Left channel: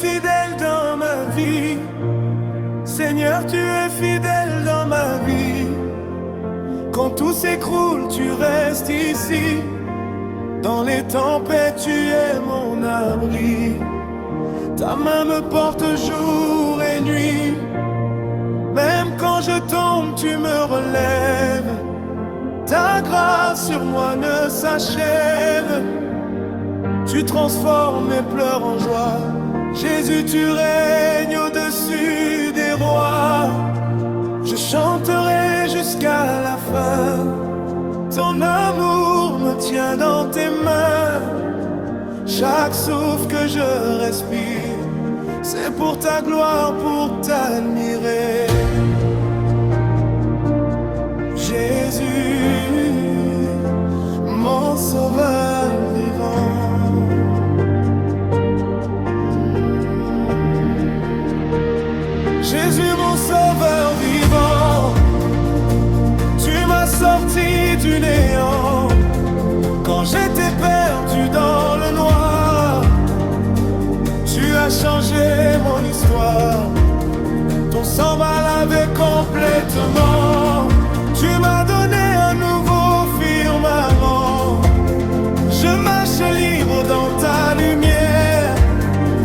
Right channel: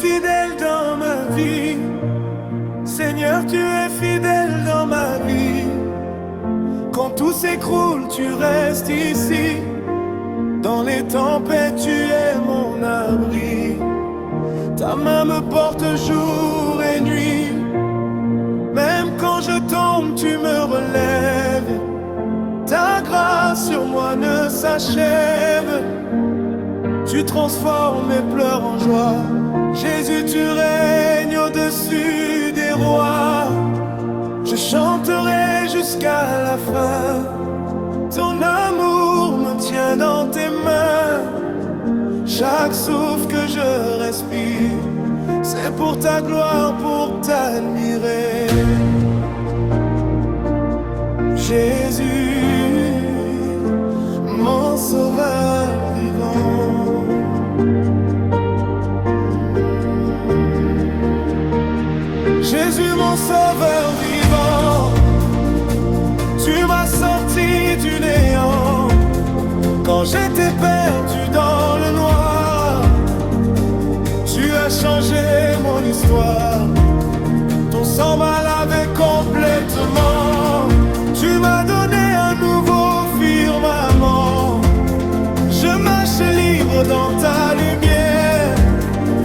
fidèle dans ma vie. Seigneur, tu es fidèle dans ma vie. Quand tout s'écroule, tu restes ici. Dans les tempêtes, tu es mon abri. Ta main me porte jour et nuit. Même quand je tombe, tu me relèves. Ta grâce sur moi ne s'achève. Tu transformes mes pleurs en joie. Jésus, tu règnes au-dessus des rois. Je chanterai jusqu'à la fin. Ton amour me tient dans tes mains. Chaque souffle que je respire, c'est pour ta gloire, pour t'admirer. Jésus, mon sauveur vivant. Jésus, mon sauveur vivant, tu m'as sorti du néant. Quand j'étais perdu dans le noir, tu as changé mon histoire. Ton sang m'a lavé complètement. Tu m'as donné un nouveau firmament. Je marche libre dans ta lumière,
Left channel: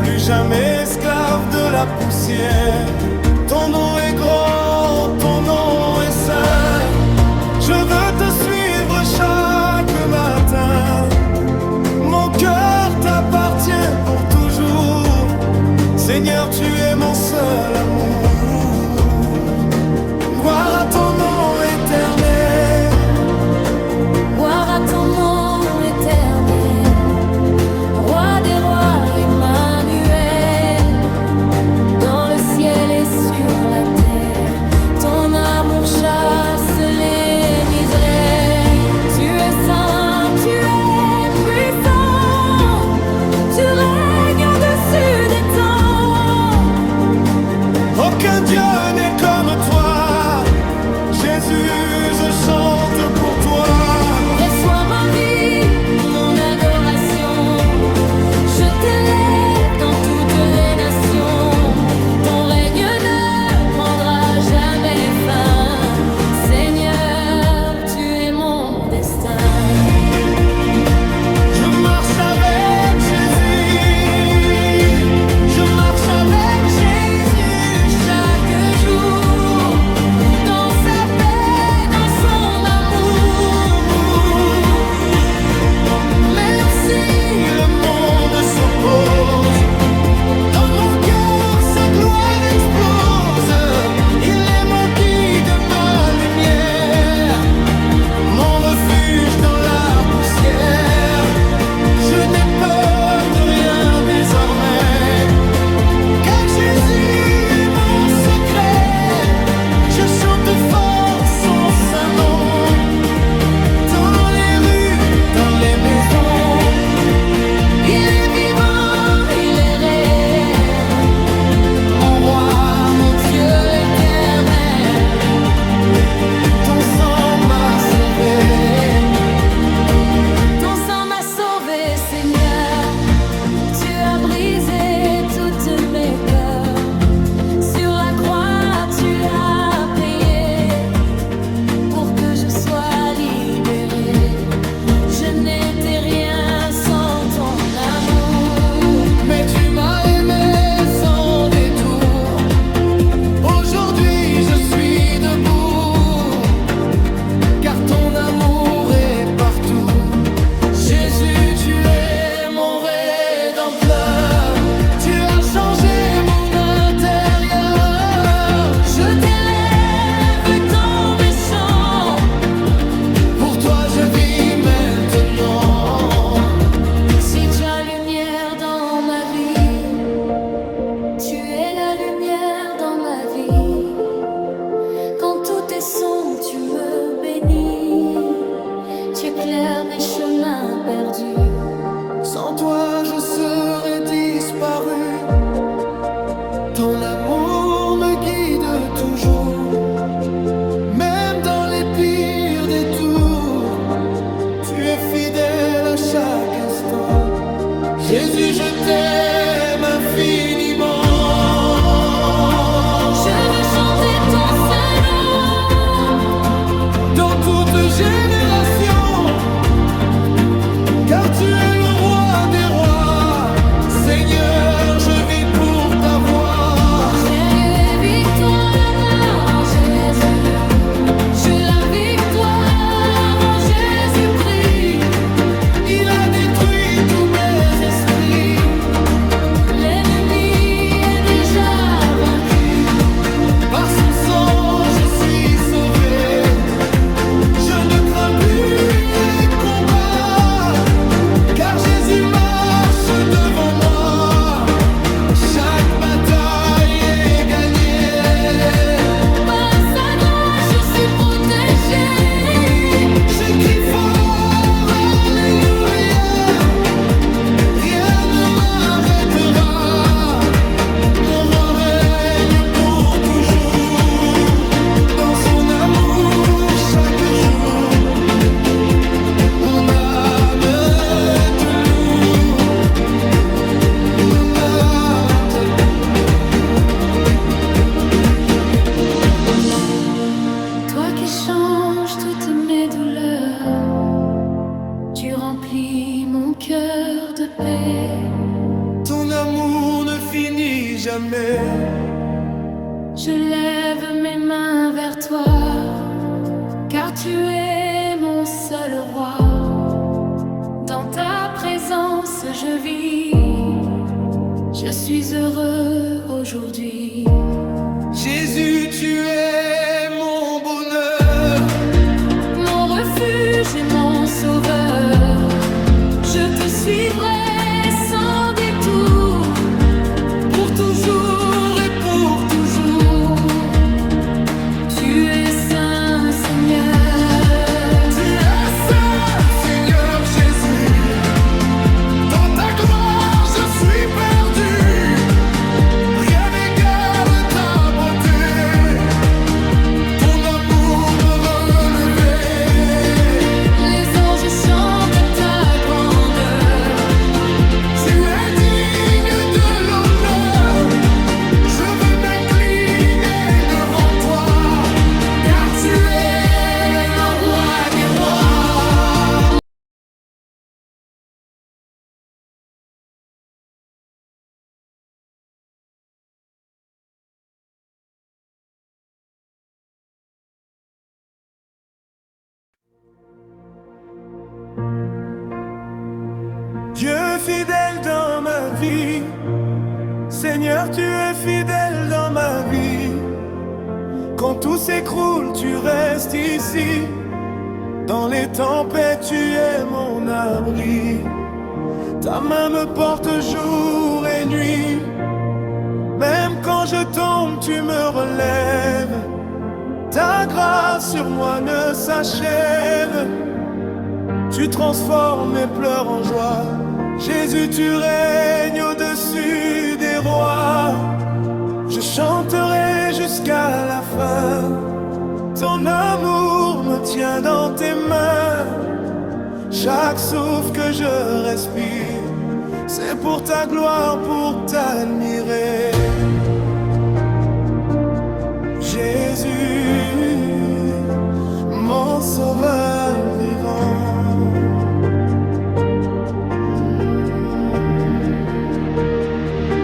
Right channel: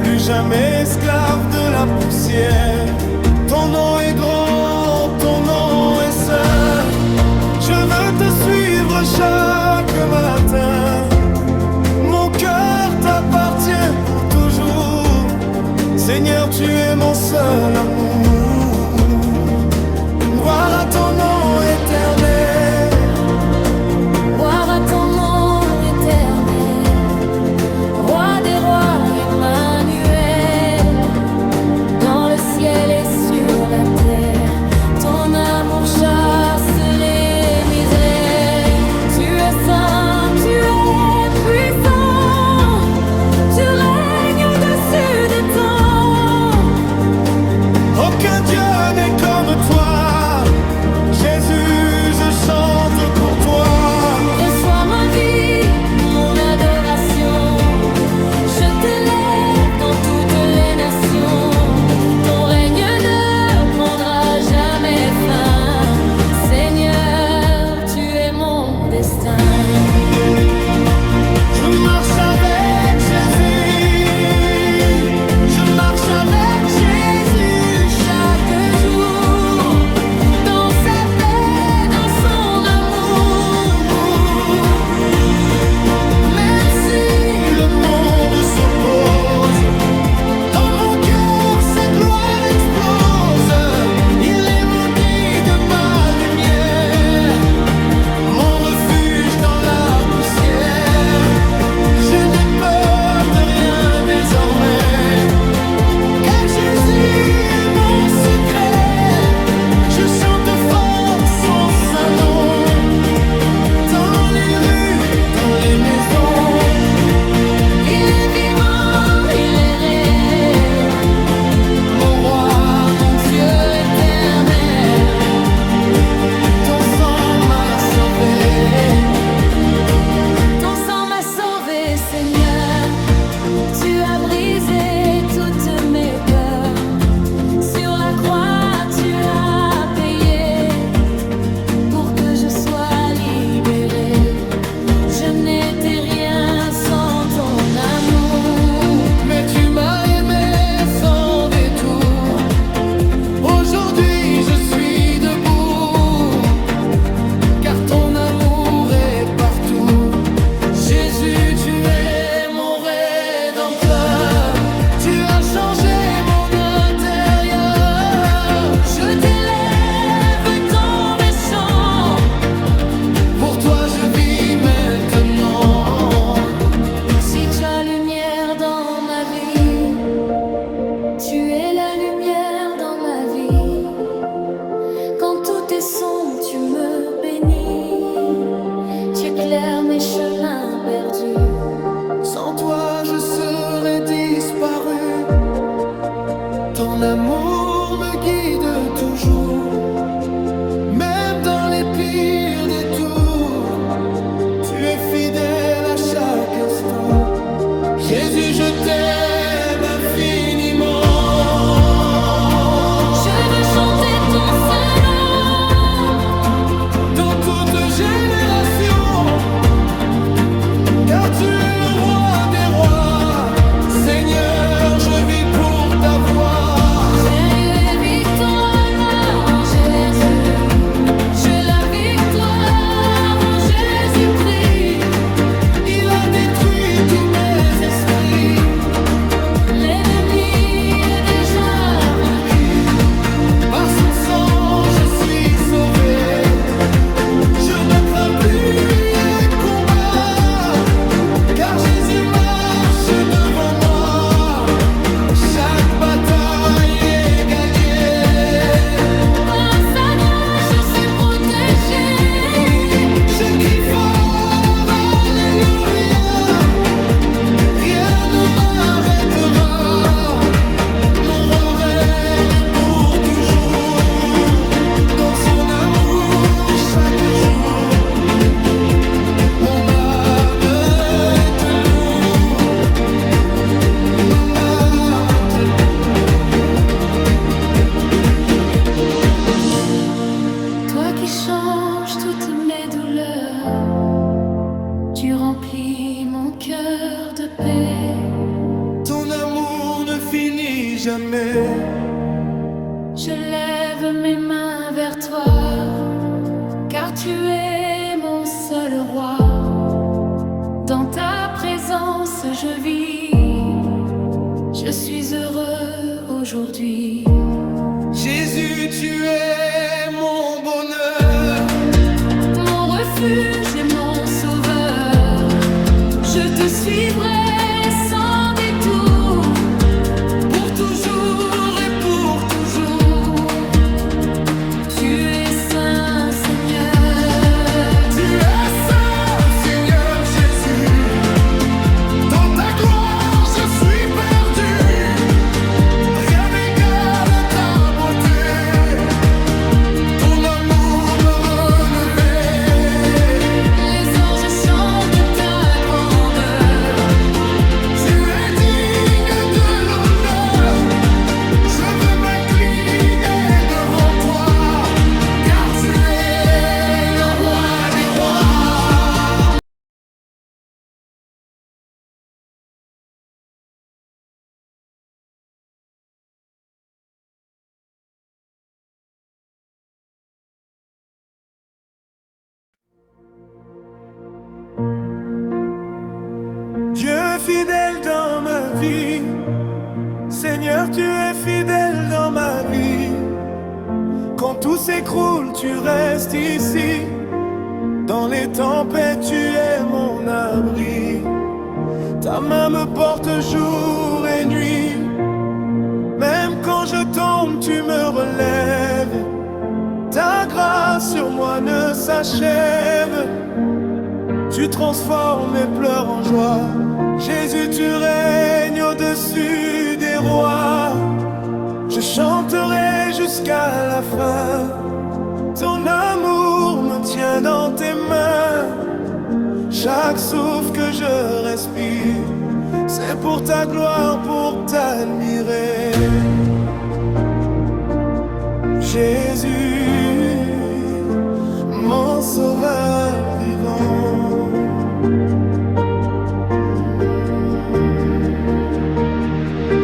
plus jamais esclave de la poussière. Ton nom est grand, ton nom est saint. Je veux te suivre chaque matin. Mon cœur t'appartient pour toujours. Seigneur, tu es mon seul amour. Gloire à ton nom éternel. Gloire à ton nom éternel. Roi des rois, Emmanuel. Dans le ciel et sur la terre, ton amour chasse les misères. Tu es saint, tu es puissant. Tu règnes au-dessus des temps. Aucun Dieu n'est comme toi. Jésus, je chante pour toi. Reçois ma vie, mon adoration. Je t'élève dans toutes les nations. Ton règne ne prendra jamais fin. Seigneur, tu es mon destin. Je marche avec Jésus. Je marche avec Jésus chaque jour. Dans sa paix, dans son amour. Même si le monde s'oppose, dans mon cœur sa gloire explose. Il est mon guide, ma lumière, mon refuge dans la poussière. Je n'ai peur de rien désormais, car Jésus est mon secret. Je chante fort son saint nom, dans les rues, dans les maisons. Il est vivant, il est réel, mon roi, mon Dieu éternel. Ton sang m'a sauvé. Ton sang m'a sauvé, Seigneur. Tu as brisé toutes mes peurs. Sur la croix, tu as payé pour que je sois libéré. Je n'étais rien sans ton amour. Mais tu m'as aimé sans détour. Aujourd'hui je suis debout, car ton amour est partout. Jésus, tu es mon rédempteur. Tu as changé mon intérieur. Je t'élève dans mes chants. Pour toi je vis maintenant. Si tu as lumière dans ma vie, tu es la lumière dans ma vie. Quand tout est sombre, tu me bénis. Tu éclaires mes chemins perdus. Sans toi je serais disparu. Ton amour me guide toujours, même dans les pires détours. Tu es fidèle à chaque instant. Jésus, je t'aime infiniment. Je veux chanter ton saint nom Dans toute génération, car tu es le roi des rois. Seigneur, je vis pour ta voix. Sérieux et victoire en Jésus. J'ai la victoire en Jésus-Christ. Il a détruit tous mes esprits. L'ennemi est déjà vaincu. Par son sang, je suis sauvé. Je ne crains plus les combats, car Jésus marche devant moi. Chaque bataille est gagnée. Par sa grâce, je suis protégé. Je crie fort, Alléluia. Rien ne m'arrêtera. Mon roi règne pour toujours. Dans son amour chaque jour, mon âme te loue. Mon âme te loue. Toi qui changes toutes mes douleurs, tu remplis mon cœur de paix. Ton amour ne finit jamais. Je lève mes mains vers toi, car tu es mon seul roi. Dans ta présence je vis, je suis heureux aujourd'hui. Jésus, tu es mon bonheur. Mon refuge et mon sauveur, je te suivrai sans détour, pour toujours et pour toujours. Tu es saint, Seigneur. Tu es saint, Seigneur Jésus. Dans ta gloire, je suis perdu. Rien n'égale ta beauté. Ton amour me relevait. Les anges chantent ta grandeur. Tu es digne de l'honneur. Je veux m'incliner devant toi, car tu es le roi des rois. Dieu fidèle dans ma vie, Seigneur, tu es fidèle dans ma vie. Quand tout s'écroule, tu restes ici. Dans les tempêtes, tu es mon abri. Ta main me porte jour et nuit. Même quand je tombe, tu me relèves. Ta grâce sur moi ne s'achève. Tu transformes mes pleurs en joie. Jésus, tu règnes au-dessus des rois. Je chanterai jusqu'à la fin. Ton amour me tient dans tes mains. Chaque souffle que je respire, c'est pour ta gloire, pour t'admirer. Jésus, mon sauveur vivant.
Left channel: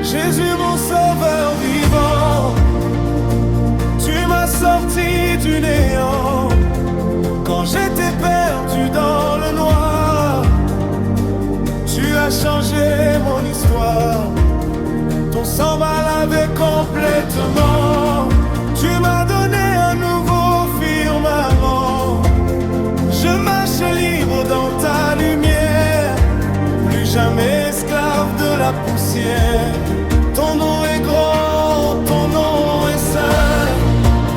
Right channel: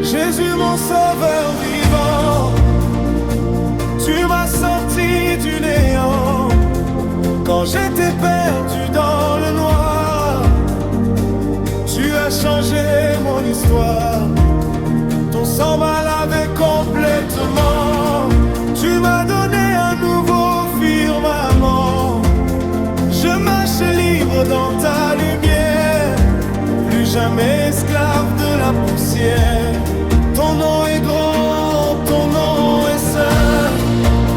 Jésus, mon sauveur vivant, tu m'as sorti du néant. Quand j'étais perdu dans le noir, tu as changé mon histoire. Ton sang m'a lavé complètement. Tu m'as donné un nouveau firmament. Je marche libre dans ta lumière, plus jamais esclave de la poussière. Ton nom est grand, ton nom est saint.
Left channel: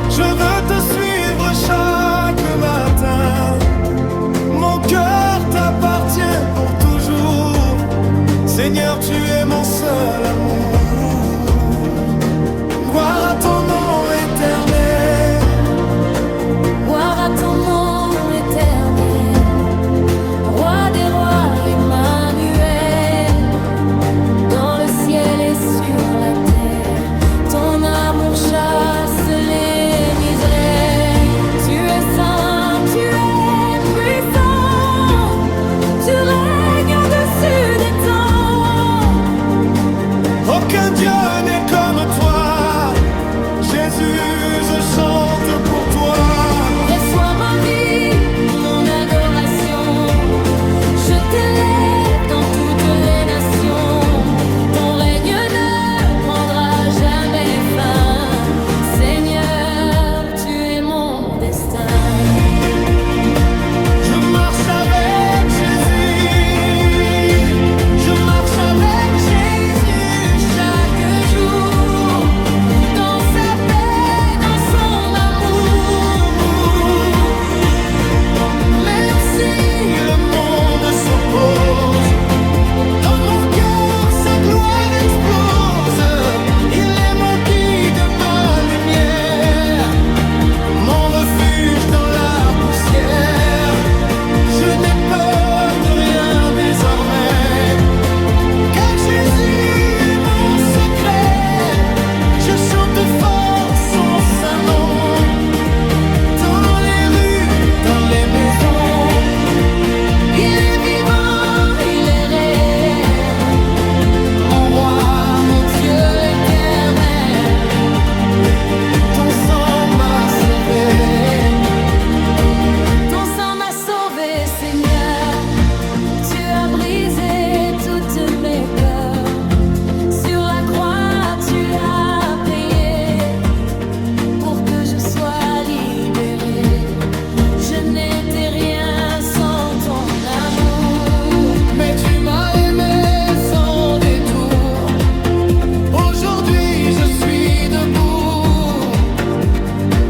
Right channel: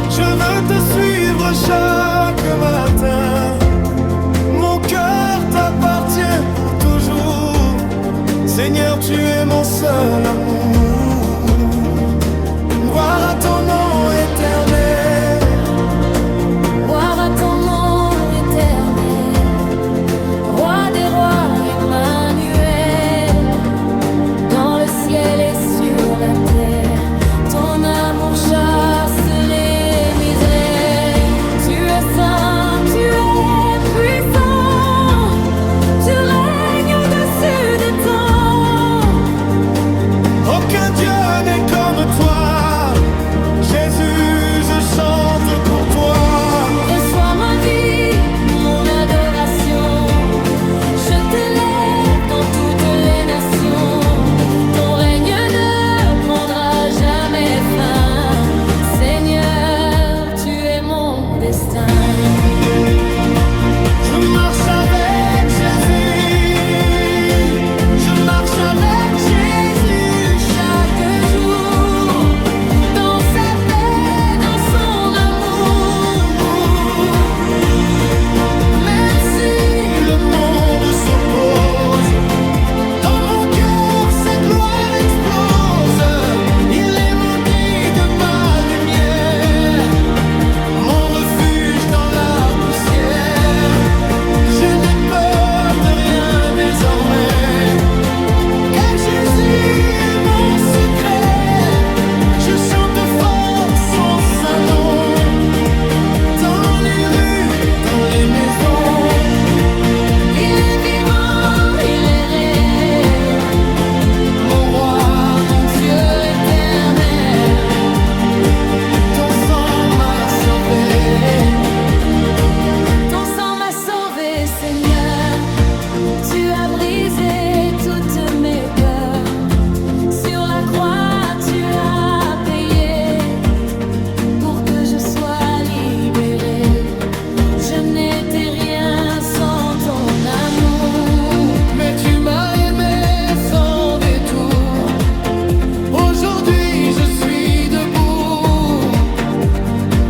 Je veux te suivre chaque matin. Mon cœur t'appartient pour toujours. Seigneur, tu es mon seul amour. Gloire à ton nom éternel. Gloire à ton nom éternel. Roi des rois, Emmanuel. je chante pour toi. Reçois ma vie, mon adoration. Je t'élève dans toutes les nations. Ton règne ne prendra jamais fin. Seigneur, tu es mon destin. Je marche avec Jésus. Je marche avec Jésus chaque jour. Dans sa paix, dans son amour. Même si le monde s'oppose, dans mon cœur sa gloire explose. Il est mon guide, ma lumière, mon refuge dans la poussière. Je n'ai peur de rien désormais, car Jésus est mon secret. Je chante fort son saint nom, dans les rues, dans les maisons. Il est vivant, il est réel, mon roi, mon Dieu éternel. Ton sang m'a sauvé. Ton sang m'a sauvé, Seigneur. Tu as brisé toutes mes peurs. Sur la croix, tu as payé pour que je sois libéré. Je n'étais rien sans ton amour. Mais tu m'as aimé sans détour. Aujourd'hui je suis debout,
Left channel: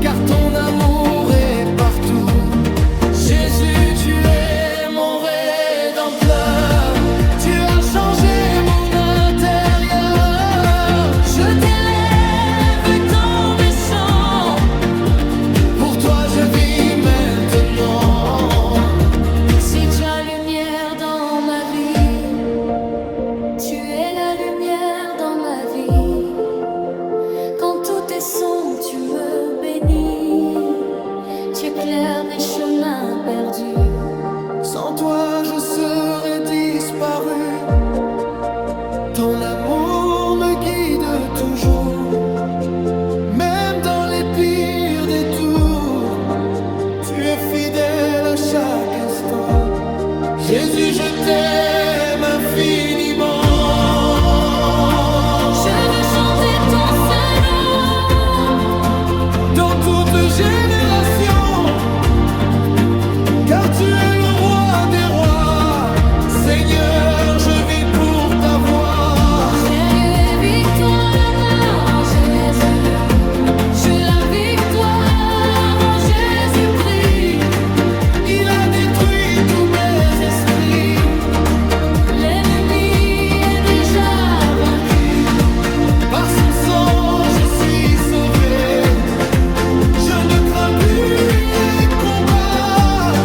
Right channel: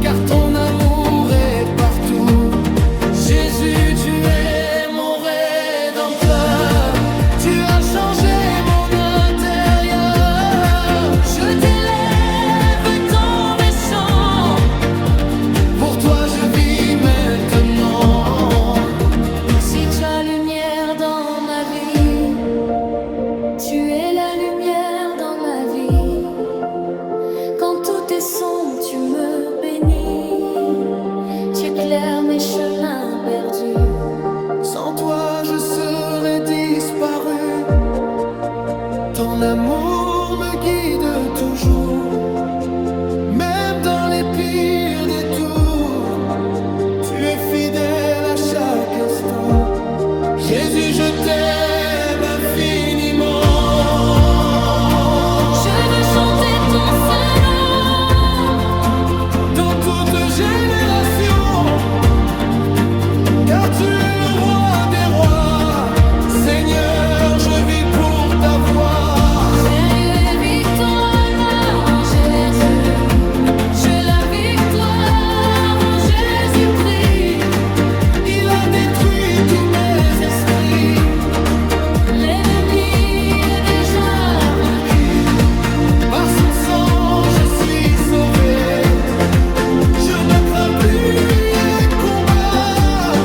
car ton amour est partout. Jésus, tu es mon rédempteur. Tu as changé mon intérieur. Je t'élève dans mes chants. Pour toi je vis maintenant. Si tu as lumière dans ma vie, tu es la lumière dans ma vie. Quand tout est sombre, tu me bénis. Tu éclaires mes chemins perdus. Sans toi je serais disparu. Ton amour me guide toujours, même dans les pires détours. Tu es fidèle à chaque instant. Jésus, je t'aime infiniment. Je veux chanter ton saint nom Dans toute génération, car tu es le roi des rois. Seigneur, je vis pour ta voix. Sérieux et victoire en Jésus. J'ai la victoire en Jésus-Christ. Il a détruit tous mes esprits. L'ennemi est déjà vaincu. Par son sang, je suis sauvé. Je ne crains plus les combats,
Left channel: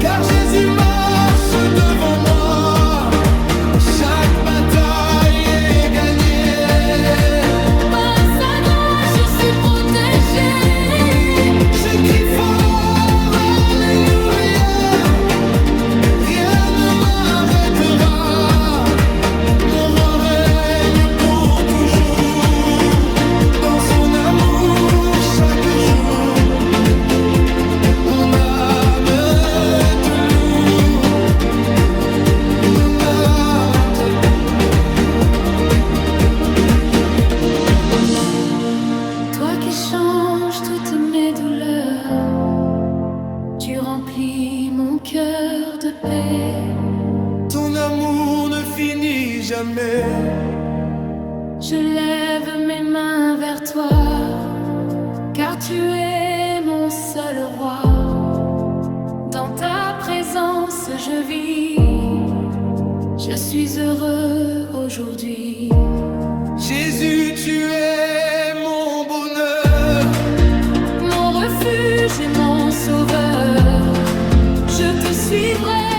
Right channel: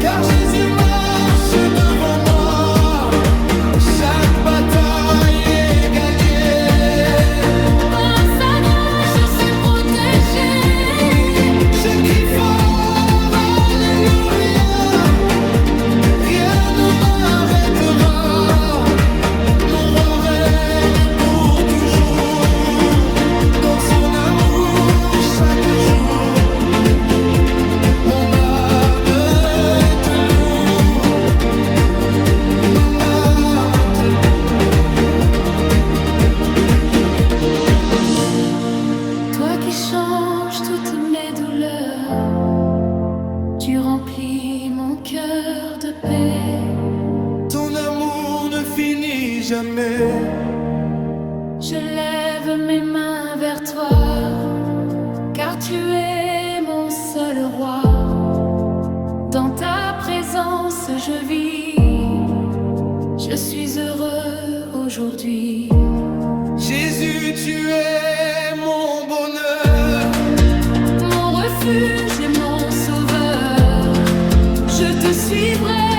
car Jésus marche devant moi. Chaque bataille est gagnée. Par sa grâce, je suis protégé. Je crie fort, Alléluia. Rien ne m'arrêtera. Mon roi règne pour toujours. Dans son amour chaque jour, mon âme te loue. Mon âme te loue. Toi qui changes toutes mes douleurs, tu remplis mon cœur de paix. Ton amour ne finit jamais. Je lève mes mains vers toi, car tu es mon seul roi. Dans ta présence je vis, je suis heureux aujourd'hui. Jésus, tu es mon bonheur. Mon refuge et mon sauveur, je te suivrai